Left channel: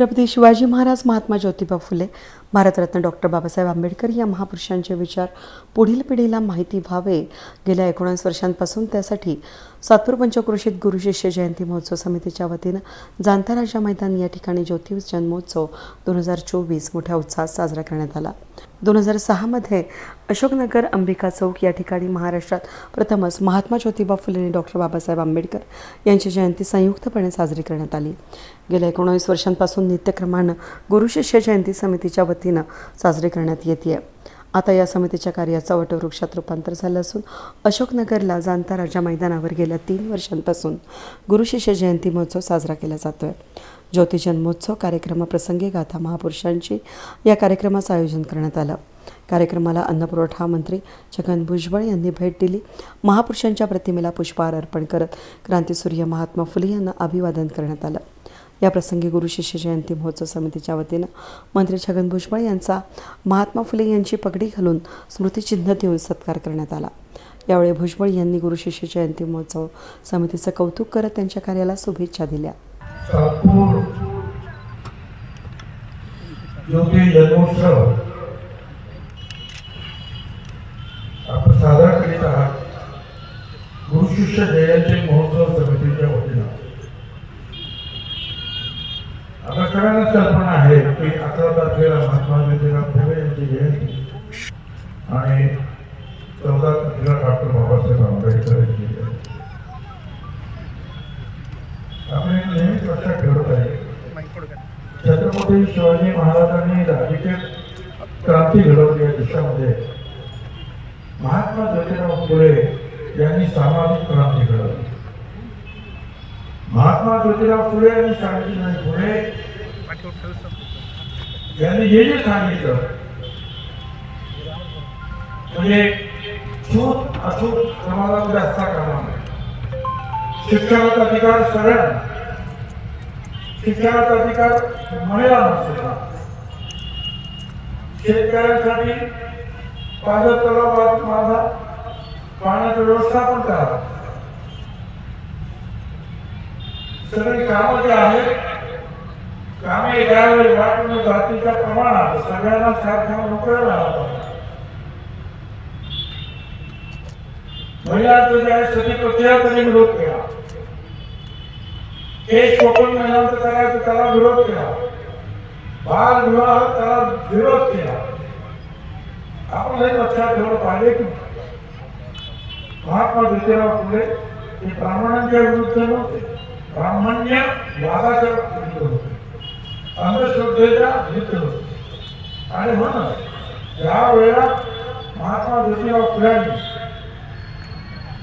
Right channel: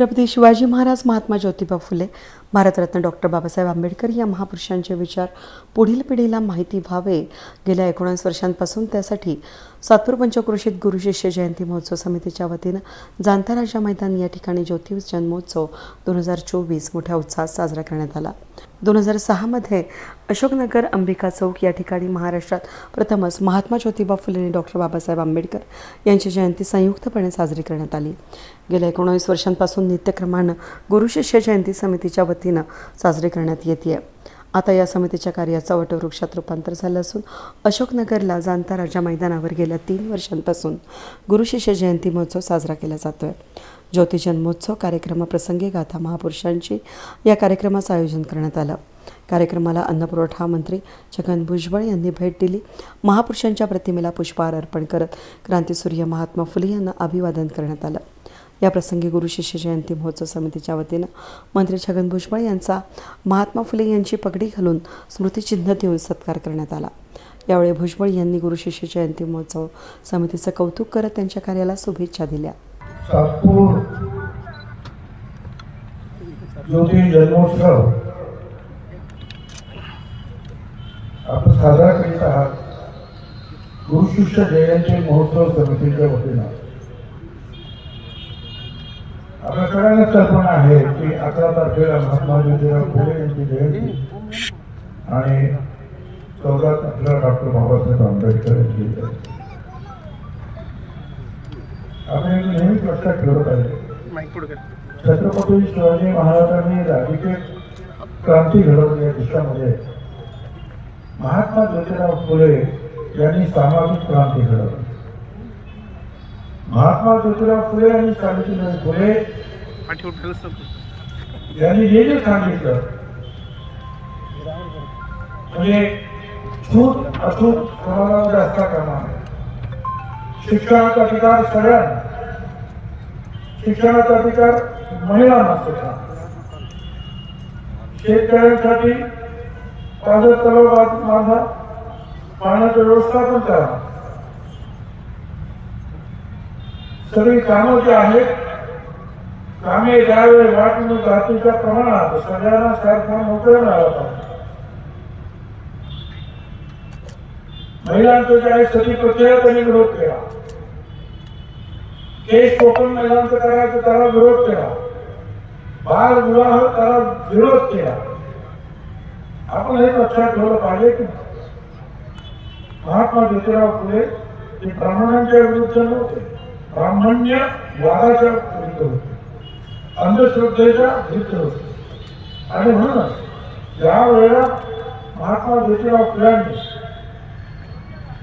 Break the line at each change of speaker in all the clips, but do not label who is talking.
Chhatrapati Shivaji Maharaj Mahatma Jyotiba Phule Bharat Ratna doctor Babasaheb Ambedkar या महापुरुषांचे विचार पुढील पिढीला माहिती व्हावे. गेल्या एकोणास वर्षांपासून त्यासाठी सातपूर पंचक्रोशीत गुरुशिष्य जयंती महोत्सव समितीच्या वतीनं जाणता राजा मैदान या ठिकाणी ज्योती जन्मोत्सव दोन हजार चोवीस मोठ्या उत्साहात साजरा करण्यात आला. दोन हजार सहामध्ये अशोकनगर अंबिका चौक या ठिकाणी महाराष्ट्रात प्रथमच महात्मा ज्योतिबा फुले आणि डॉक्टर बाबासाहेब आंबेडकर यांची जयंती संयुक्तपणे साजरी करण्यात आली. गेल्या एकोणावीस वर्षांपासून नित्यक्रमानं गुरुशिष्य जयंती समितीच्या वतीनं साजरी करण्यात येते आता या समितीच्या कार्याचं वटवृक्षात रूपांतर झालं असून अशोकनगरला जाणता राजा मैदानावर गेल्या तीन वर्षांपासून गुरुशिष्य जयंती महोत्सव साजरा केला जातोय. ज्योती जन्मोत्सव कार्यक्रमाप्रसंगी गाथा महापुरुषांची या कार्यक्रमाचं आयोजन करण्यात आलं. कार्यक्रमाला अन्नपुरवठा मंत्री छगन भुजबळ यांनी भेट दिली. महापुरुषांच्या प्रतिमेला पुष्पहार अर्पण करत क्रांतीसूर्य महात्मा फुले यांना अभिवादन करण्यात आलं. याप्रसंगी गुरु शिष्य जयंती महोत्सव समितीच्या वतीनं मंत्री छगन भुजबळ यांचा महात्मा फुले यांची पगडी घालून स्मृतिचिन्ह देऊन सत्कार करण्यात आला. यावेळी भुजबळ यांनी गुरु शिष्य जयंती महोत्सव समितीचं कौतुक करत त्यांच्या कार्याला शुभेच्छा दिल्या.
आपण साजरा करीत आहात. जयंती महोत्सव समितीच्या वतीनं. आपल्या सगळ्यांना कल्पना आहे की अकरा तारखेला महात्मा ज्योतिराव फुले यांची जयंती. आणि चौदा तारखेला डॉक्टर बाबासाहेब आंबेडकर यांची जयंती. आपण नेहमीच लक्षात ठेवत आहे. छत्रपती शिवाजी महाराजांनी राजकीय क्रांती घडवली या देशामध्ये. महात्मा ज्योतिराव फुले यांनी सामाजिक क्रांती घडवली. महात्मा ज्योतिराव फुले यांनी सावित्रीबाई फुले. यांनी हे जे सांगितलं म्हणजे छूत अछूत समाजामध्ये असता करणार नये. शिक्षणाचा अधिकार सगळ्यांना. शिक्षणाचा अधिकार महिलांना सुद्धा शेतकऱ्यांसाठी पाण्याचा व्यवस्थापन करा. सगळी कामं जे आहेत कामे त्यावेळी वाटून जातीच्या प्रमाणात सगळ्यांना सारख्या नोकऱ्या मिळाल्या पाहिजे महिलांचं जे आहे सगळी प्रक्रिया त्यांनी विरोध केला. केस शोषण महिलांचं करायचं त्याला विरोध केला. बाल विवाह त्याला विरोध केला. आपण हे लक्षात ठेवलं पाहिजे की महात्मा ज्योतिराव फुले हे ब्राह्मणांच्या विरुद्ध नव्हते. ब्राह्मण्य वादाच्या विरुद्ध होते अंधश्रद्धेच्या विरुद्ध होते आणि म्हणूनच या वेळा महात्मा ज्योतिराव फुल्यांनी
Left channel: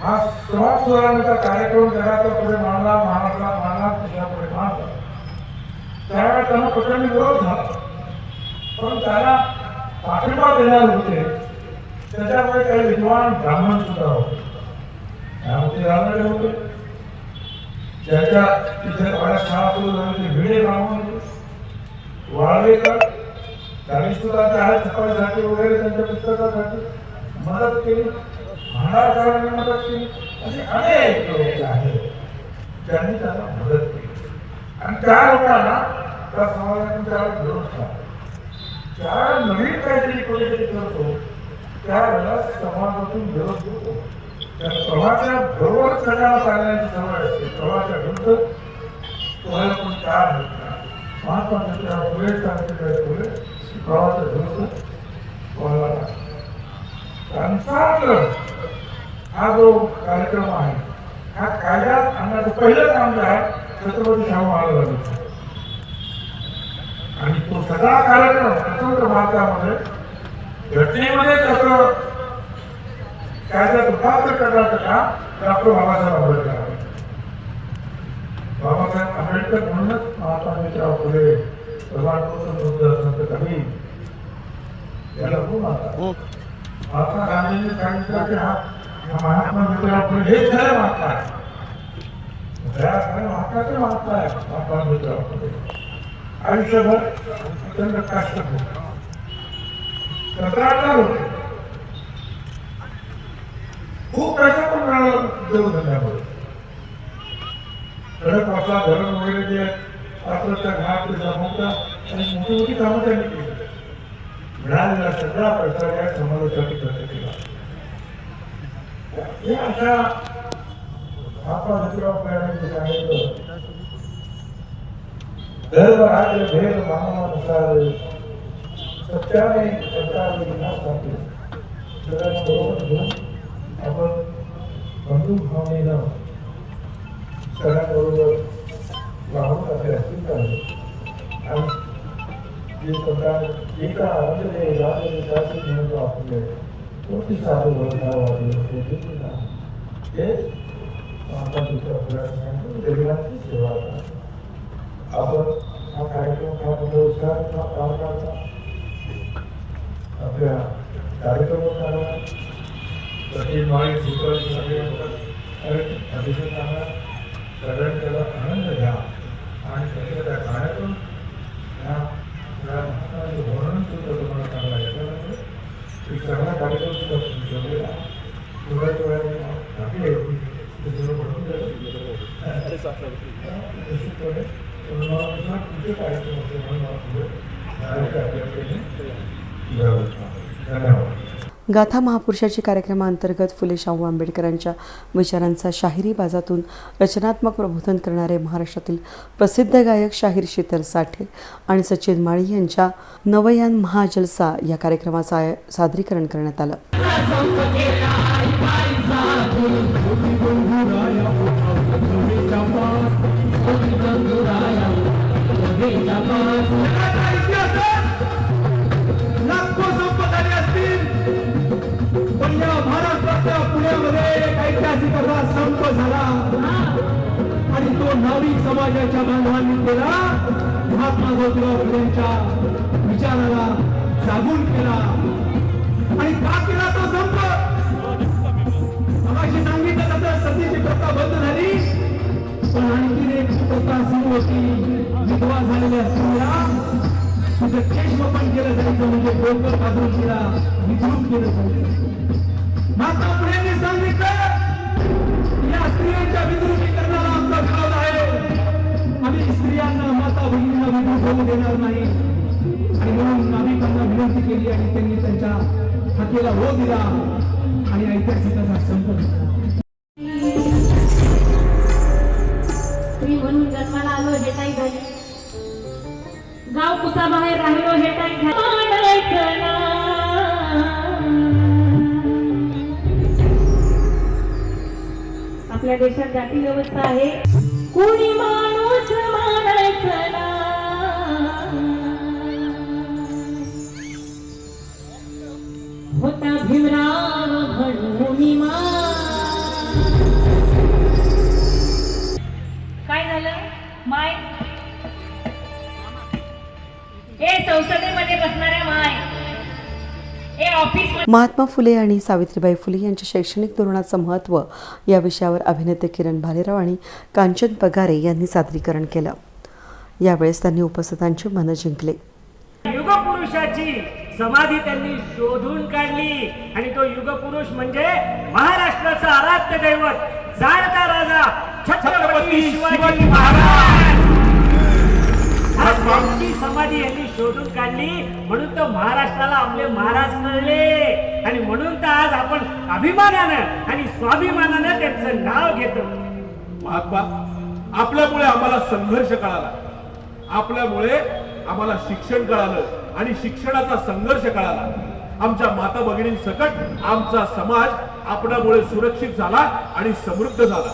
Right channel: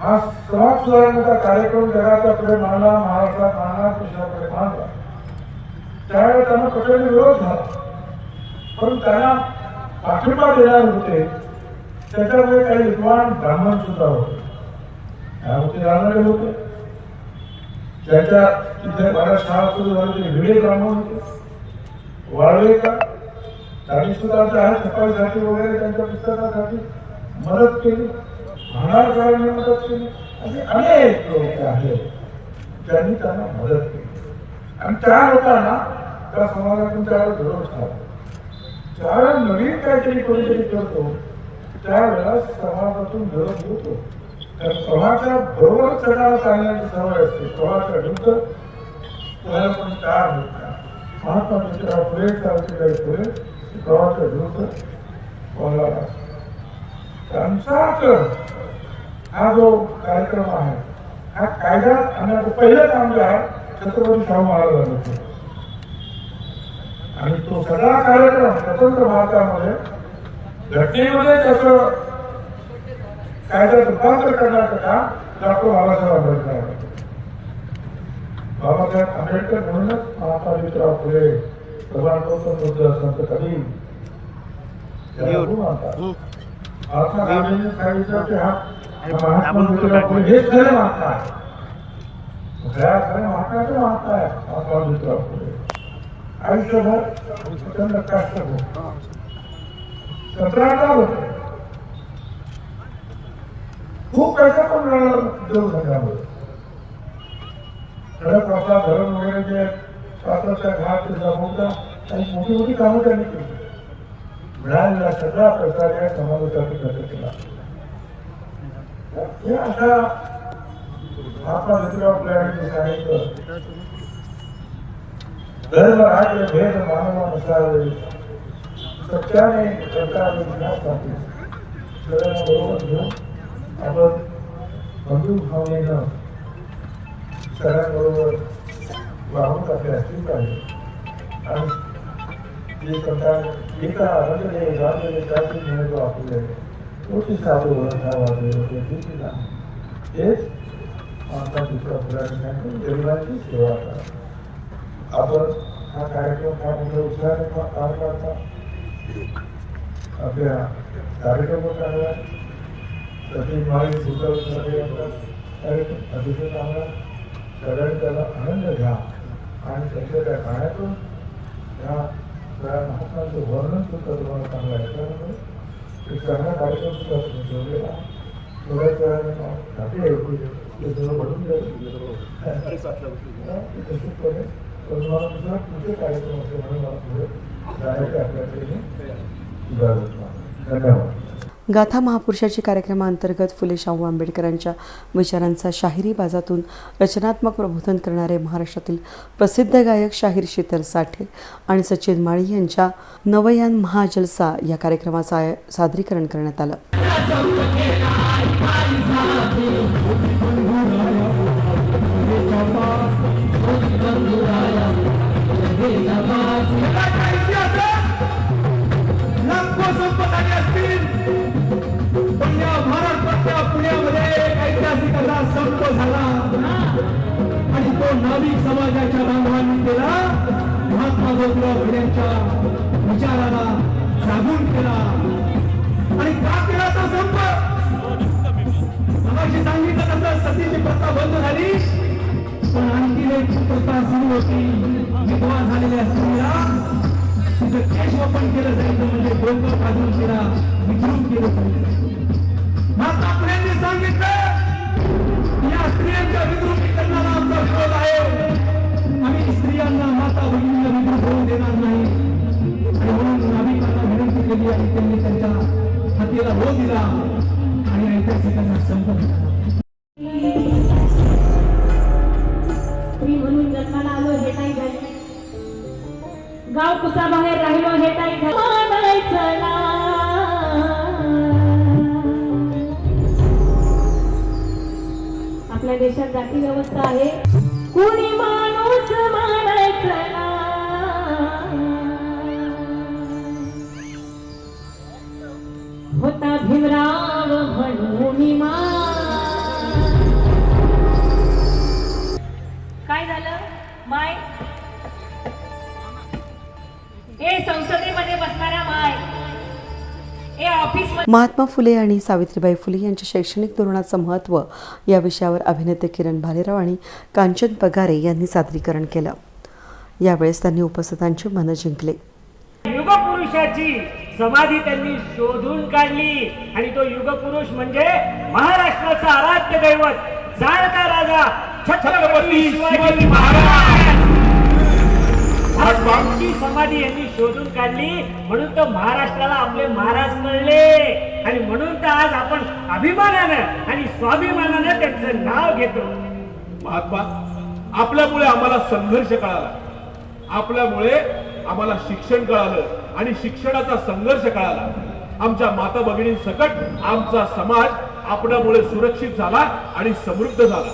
हा समाज सुधारण्याचा कार्यक्रम करायचा पुढे मांडला महाराष्ट्रात मांडला देशापुढे मांडला त्यावेळेस त्यांना प्रचंड विरोध झाला. पण त्यांना पाठिंबा देणार होते. त्याच्यामुळे काही विद्वान ब्राह्मण सुद्धा होते. त्यामध्ये राहणारे होते. ज्याच्या तिथे पाण्यात शाळा सुरू झाली ते भिडे ब्राह्मण होते वाळवेकर त्यांनी सुद्धा त्या सफाईसाठी वगैरे त्यांच्या पुस्तकासाठी मदत केली. भांडारकरांनी मदत केली. असे अनेक लोक आहेत. त्यांनी त्यांना मदत केली. आणि त्या लोकांना त्या समाजातून त्यावेळेस विरोध झाला ज्यावेळेला नवीन काहीतरी कोणीतरी करतो त्यावेळेला समाजातून घडत होतो तर प्रवाहाच्या बरोबर चढायला चालण्याची सवय असते. प्रवाहाच्या विरुद्ध कोणाला कोणी तयार होत नाही. महात्मा ज्योतिराव फुले सावित्रीबाई फुले प्रवाहाच्या विरुद्ध कोणाला त्यांचा तर हा जो कार्यक्रम आहे हा कायद्यात आणण्याचं पहिलं काम जे आहे छत्रपती शाहू महाराजांनी आणि तो सगळा कार्यक्रम स्वतंत्र भारतामध्ये घटनेमध्ये त्याचं कायद्यात रूपांतर करण्याचं काम डॉक्टर बाबासाहेब आंबेडकर बाबासाहेब आंबेडकर म्हणूनच महात्मा ज्योतिराव प्रधानमंत्री मुद्दे असं कधी याला गुण म्हणतात महात्मा गांधींनी सांगितलं की हा महात्मा ज्योतिराव फुले हेच खरे महात्मा आहे खरे महात्म्याचं महात्मा आहे महात्मा ज्योतिराव फुले आयुष्यभर प्रचंड कष्ट होते कंत्राटदार होते खूप प्रश्न पण मुलांना उद्योग धंद्यामध्ये सडक वाचा धरण वगैरे जे कापडचा घाट जमवता आणि मोठी मोठी कामं त्यांनी केली. मिळालेला सगळा प्रसार या समाजासाठी खर्च केला हे आता आपण मित्र आपल्याकडे सांगितलं धर्म राहत भेद मानव प्रसार सत्याने करता विनाशासाठी सगळ्यांबरोबर घेऊन आपण बंधू भावनेनं सगळ्यांबरोबर वाहून आपल्या असली पाहिजे आणि जे समजा गीता अंजले राजले जाती भेद आपले कोटी साधू बंधावाले ते किती नाही हेच आपण तिथं आपल्याला सांगितलं, गरिबांची सेवा करा आपण हा कार्यक्रम हा मोठ्या उत्साहाने पार पाडला आपल्या कार्यक्रमाला प्रति माळी सुपारी सगळे अतिशय चांगला सगळ्यांनी त्याला आनंद घ्या आणि त्याच्या त्या गाण्यातून या सगळ्या महात्माचे वर्णन सुद्धा तुम्हाला चांगलं ऐकायला एक चांगला कार्यक्रम सुद्धा तुम्ही ठेवलेला थोड्याच वेळाने बाकी आहे की ते थोडं बनून जाईल निश्चितपणे तर मला दुसरा तुमचे कार्यक्रम असेल म्हणून मला पुढे डायरेक्ट आपल्याकडे जावं धन्यवाद
गाथा महापुरुषाची कार्यक्रमाअंतर्गत फुले शाहू आंबेडकरांच्या विचारांचा शाहिरी बाजातून रचनात्मक प्रबोधन करणारे महाराष्ट्रातील प्रसिद्ध गायक शाहीर शीतल साठे आणि सचिन माळी यांच्या नवयान महाजलसा या कार्यक्रमाचं सादरीकरण करण्यात आलं.
महाराष्ट्रातल्या एक ऐतिहासिक असा संप झाला. आणि तो नाविक समाजाच्या बांधवांनी केला. महात्मा ज्योतिराव फुलेंच्या विचाराला जागून केला. आणि का केला तो संप. मगाशी सांगितलं तसं सतीची प्रथा बंद झाली. पण आणखी एक प्रथा सुरू होती. विधवा झालेल्या स्त्रीला तुझं केशव पण केलं जायचं म्हणजे डोकं काढून केला विचारून केलं जायचं.
देशात जाती व्यवस्था आहे. कोणी माणूस मारायचं ना. होता भीमराव म्हणून काय झालं? माय? हे संसदेमध्ये बसणारा माय.
महात्मा फुले आणि सावित्रीबाई फुले यांच्या शैक्षणिक धोरणाचं महत्त्व या विषयावर अभिनेते किरण भालेराव आणि कांचन पगारे यांनी सादरीकरण केलं. यावेळेस त्यांनी उपस्थितांचे मन जिंकले.
युगपुरुषाची समाधी त्यांनी शोधून काढली आणि तो युगपुरुष म्हणजे महाराष्ट्राचं आराध्य दैवत जाणता राजा छत्रपती शिवाजी महाराज. त्यांची समाधी यांनी शोधून काढली. म्हणून तो महाराष्ट्राला आपले महाराज कळले आणि म्हणून तर आज आपण अभिमानानं आणि स्वाभिमानानं त्यांचं नाव घेतो.
महात्मा आपल्यामुळे आम्हाला संघर्ष कळाला. आपल्यामुळे आम्हाला शिक्षण कळालं आणि शिक्षणाचा संघर्ष कळाला. आमच्या माता भगिनींसकट आमचा समाज आपल्यामुळे सुरक्षित झाला आणि समृद्ध झाला.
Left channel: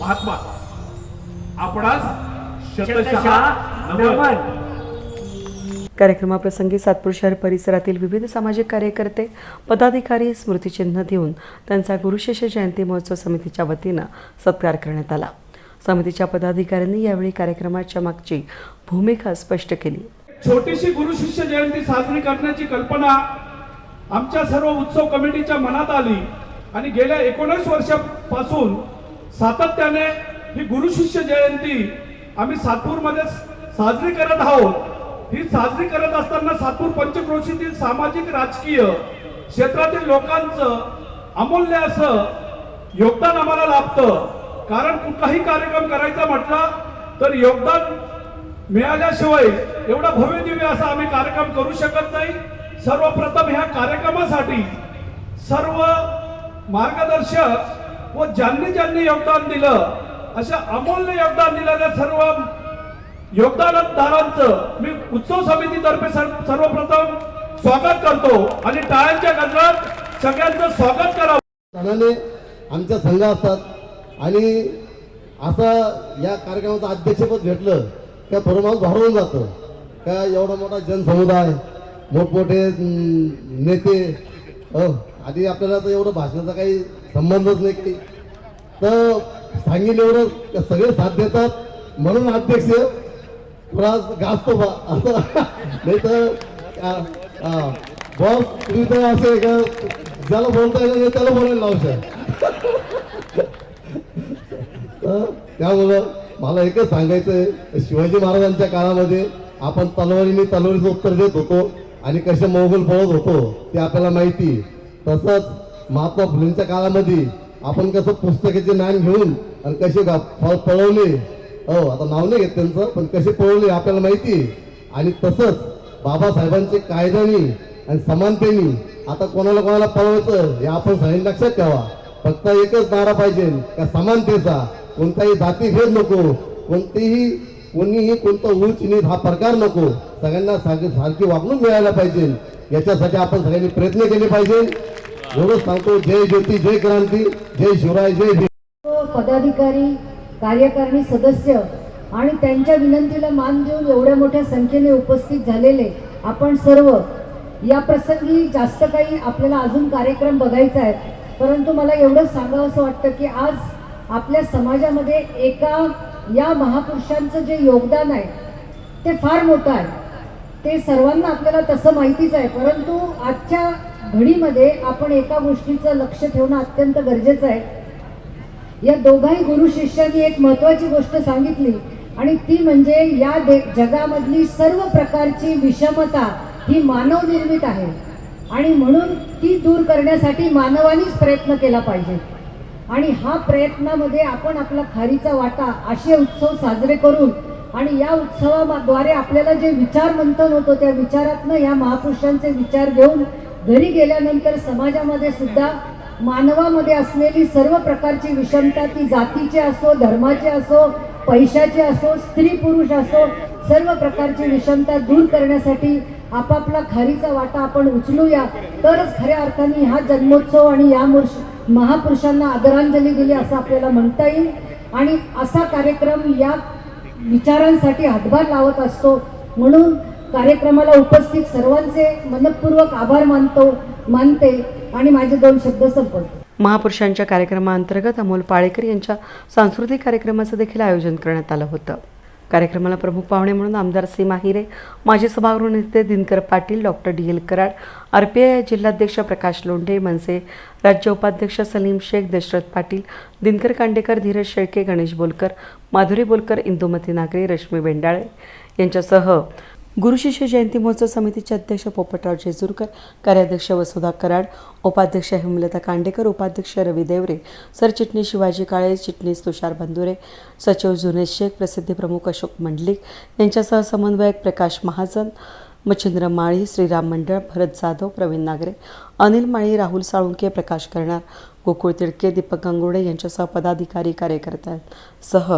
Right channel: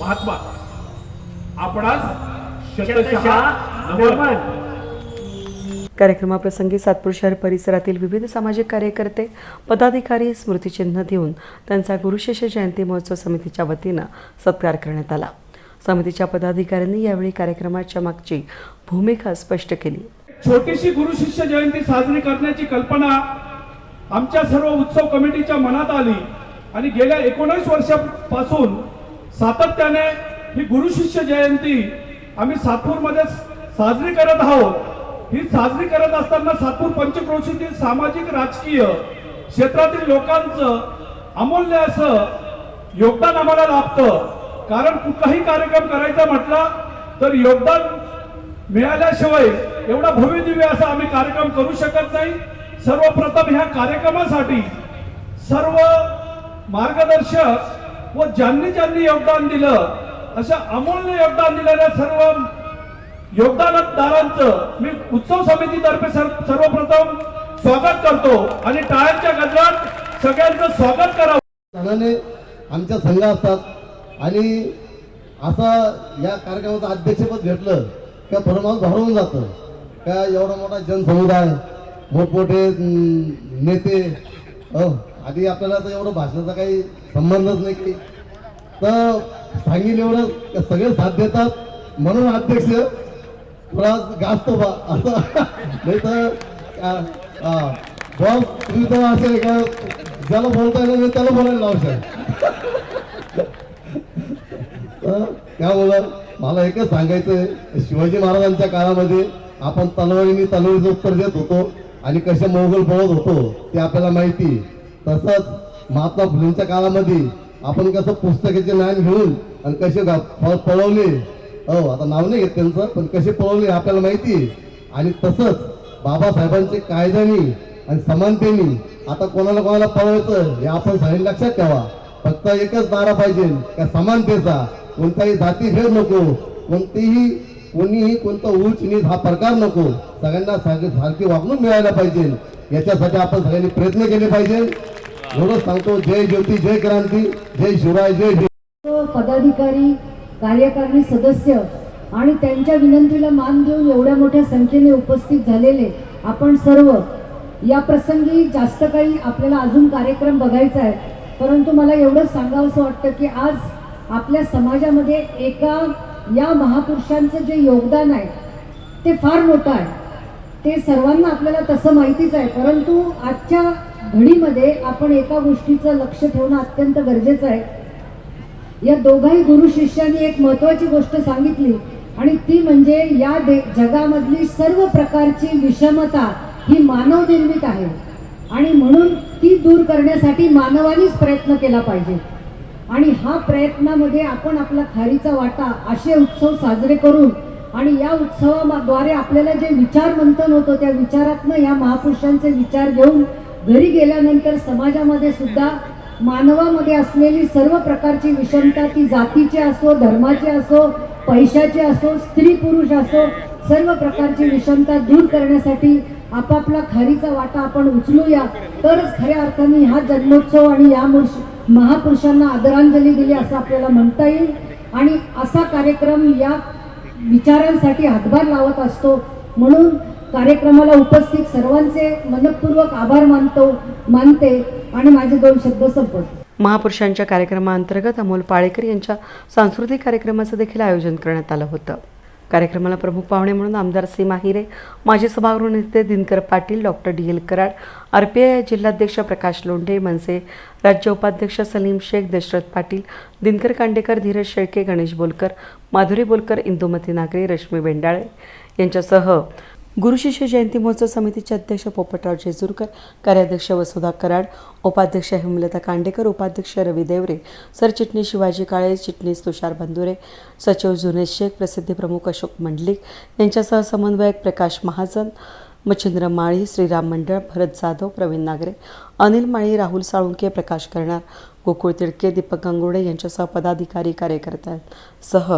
महात्मा आपणास शतशः
शतशः
नमन
नमन
कार्यक्रमाप्रसंगी सातपूर शहर परिसरातील विविध सामाजिक कार्यकर्ते पदाधिकारी स्मृतिचिन्ह देऊन त्यांचा गुरुशिष्य जयंती महोत्सव समितीच्या वतीनं सत्कार करण्यात आला. समितीच्या पदाधिकाऱ्यांनी यावेळी कार्यक्रमाच्या मागची भूमिका स्पष्ट केली.
छोटीशी गुरु शिष्य जयंती साजरी करण्याची कल्पना आमच्या सर्व उत्सव कमिटीच्या मनात आली आणि गेल्या एकोणीस वर्षापासून सातत्याने ही गुरु शिष्य जयंती आम्ही सातपूरमध्ये साजरी करत आहोत. ही साजरी करत असताना सातपूर पंचक्रोशीतील सामाजिक राजकीय क्षेत्रातील लोकांचं अमूल्य असं योगदान आम्हाला लाभतं. कारण कुठलाही कार्यक्रम करायचा म्हटला तर योगदान मिळाल्याशिवाय एवढा भव्य दिव्य असा आम्ही कार्यक्रम करू शकत नाही. सर्वप्रथम ह्या कार्यक्रमासाठी सर्व मार्गदर्शक व ज्यांनी ज्यांनी योगदान दिलं अशा अमूल्य योगदान दिलेल्या सर्व योगदानदारांचं मी उत्सव समितीतर्फे सर्व- सर्वप्रथम स्वागत करतो आणि टाळ्यांच्या गजरात सगळ्यांचं स्वागत करावं.
सणाने आमच्या संघ असतात आणि असं या कार्यक्रमाचं अध्यक्षपद घेतलं का थोडं माणूस जातं. का एवढा मोठा जनसमुदाय मोठमोठे नेते हो, आधी आपल्याला तर एवढं भाषणाचा काही संबंधच नाही की. तर सांगेल एवढं सगळे साथ देतात. म्हणून अध्यक्ष थोडा गाजतो बा असं नाही तर बॉस तुम्ही तर असे का ज्याला बोलता येईल त्याला बोलायला लावशाल तर त्यामुळं मला एकच सांगायचं आहे शिवाजी महाराजांच्या काळामध्ये आपण तलवारीने तलवारीचं उत्तर देत होतो आणि कसे मोगल पळत होतो ते आपल्याला माहिती तसंच महात्मा फुलेंच्या काळामध्ये आपण कसं पुस्तकाचे ज्ञान घेऊन आणि कसे पळवले हो आता नाव नाही घेत त्यांचं पण कसे पळवले आपल्याला माहिती आणि तसंच बाबासाहेबांचे कायद्यानी आणि समानतेनी आता कोणाला कोणाला पळवायचं हे आपण सगळ्यांनी लक्षात ठेवा. फक्त एकच नारा पाहिजे त्या समानतेचा. कोणताही जातीभेद नको कोणतीही कोणीही कोणता उच्च नीच हा प्रकार नको. सगळ्यांना सारखी सारखी वागणूक मिळायला पाहिजे. याच्यासाठी आपण सगळ्यांनी प्रयत्न केले पाहिजे. एवढंच सांगतो. जय ज्योती जय क्रांती जय शिवराय जय
पदाधिकारी कार्यकारिणी सदस्य आणि त्यांच्या विनंतीला मान देऊन एवढ्या मोठ्या संख्येने उपस्थित झालेले आपण सर्व या प्रसंगी जास्त काही आपल्याला अजून कार्यक्रम बघायचा आहे. परंतु मला एवढंच सांगावंसं वाटतं की आज आपल्या समाजामध्ये एका या महापुरुषांचं जे योगदान आहे ते फार मोठं आहे. ते सर्वांना आपल्याला तसं माहितीच आहे. परंतु आजच्या घडीमध्ये आपण एका गोष्टीचं लक्ष ठेवणं अत्यंत गरजेचं आहे. या दोघाही गुरु शिष्यांनी एक महत्वाची गोष्ट सांगितली. आणि ती म्हणजे या दे जगामधली सर्व प्रकारची विषमता ही मानव निर्मित आहे. आणि म्हणून ती दूर करण्यासाठी मानवानीच प्रयत्न केला पाहिजे. आणि हा प्रयत्नामध्ये आपण आपला खारीचा वाटा असे उत्सव साजरे करून आणि या उत्सवाद्वारे आपल्याला जे विचार मंथन होतं त्या विचारातनं या महापुरुषांचे विचार घेऊन घरी गेल्यानंतर समाजामध्ये सुद्धा मानवामध्ये असलेली सर्व प्रकारची विषमता ती जातीची असो धर्माची असो पैशाची असो स्त्री पुरुष असो सर्व प्रकारची विषमता दूर करण्यासाठी आपापला खारीचा वाटा आपण उचलूया. तरच खऱ्या अर्थाने हा जन्मोत्सव आणि या महापुरुषांना आदरांजली दिली असं आपल्याला म्हणता येईल. आणि असा कार्यक्रम या विचारांसाठी हातभार लावत असतो. म्हणून कार्यक्रमाला उपस्थित सर्वांचे मनपूर्वक आभार मानतो मानते. आणि माझे दोन शब्द संपवतो.
महापुरुषांच्या कार्यक्रमाअंतर्गत अमोल पाळेकर यांच्या सांस्कृतिक कार्यक्रमाचं देखील आयोजन करण्यात आलं होतं. कार्यक्रमाला प्रमुख पाहुणे म्हणून आमदार सीमा हिरे माजी सभागृह नेते Dinkar Patil doctor D L Karad R P I जिल्हाध्यक्ष प्रकाश लोंढे मनसे राज्य उपाध्यक्ष सलीम शेख दशरथ पाटील दिनकर कांडेकर धीरज शेळके गणेश बोलकर माधुरी बोलकर इंदुमती नागरे रश्मी बेंडाळे यांच्यासह गुरुशिष्य जयंती महोत्सव समितीचे अध्यक्ष पोपटराव जेजुरकर कार्याध्यक्ष वसुधा कराड उपाध्यक्ष हेमलता कांडेकर उपाध्यक्ष रवी देवरे सरचिटणीस शिवाजी काळे चिटणीस तुषार बंधुरे सचिव जुनेश शेख प्रसिद्धी प्रमुख अशोक मंडलिक यांच्यासह समन्वयक प्रकाश महाजन मच्छिंद्र माळी श्रीराम मंडळ भरत जाधव प्रवीण नागरे अनिल माळी राहुल साळुंके प्रकाश करणार गोकुळ तिडके दीपक गंगुडे यांच्यासह पदाधिकारी कार्यकर्त्यांसह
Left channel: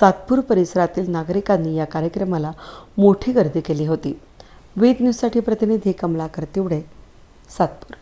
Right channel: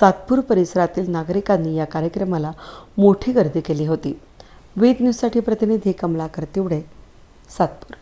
सातपूर परिसरातील नागरिकांनी या कार्यक्रमाला मोठी गर्दी केली होती. वेद न्यूजसाठी प्रतिनिधी कमलाकर तिवडे सातपूर.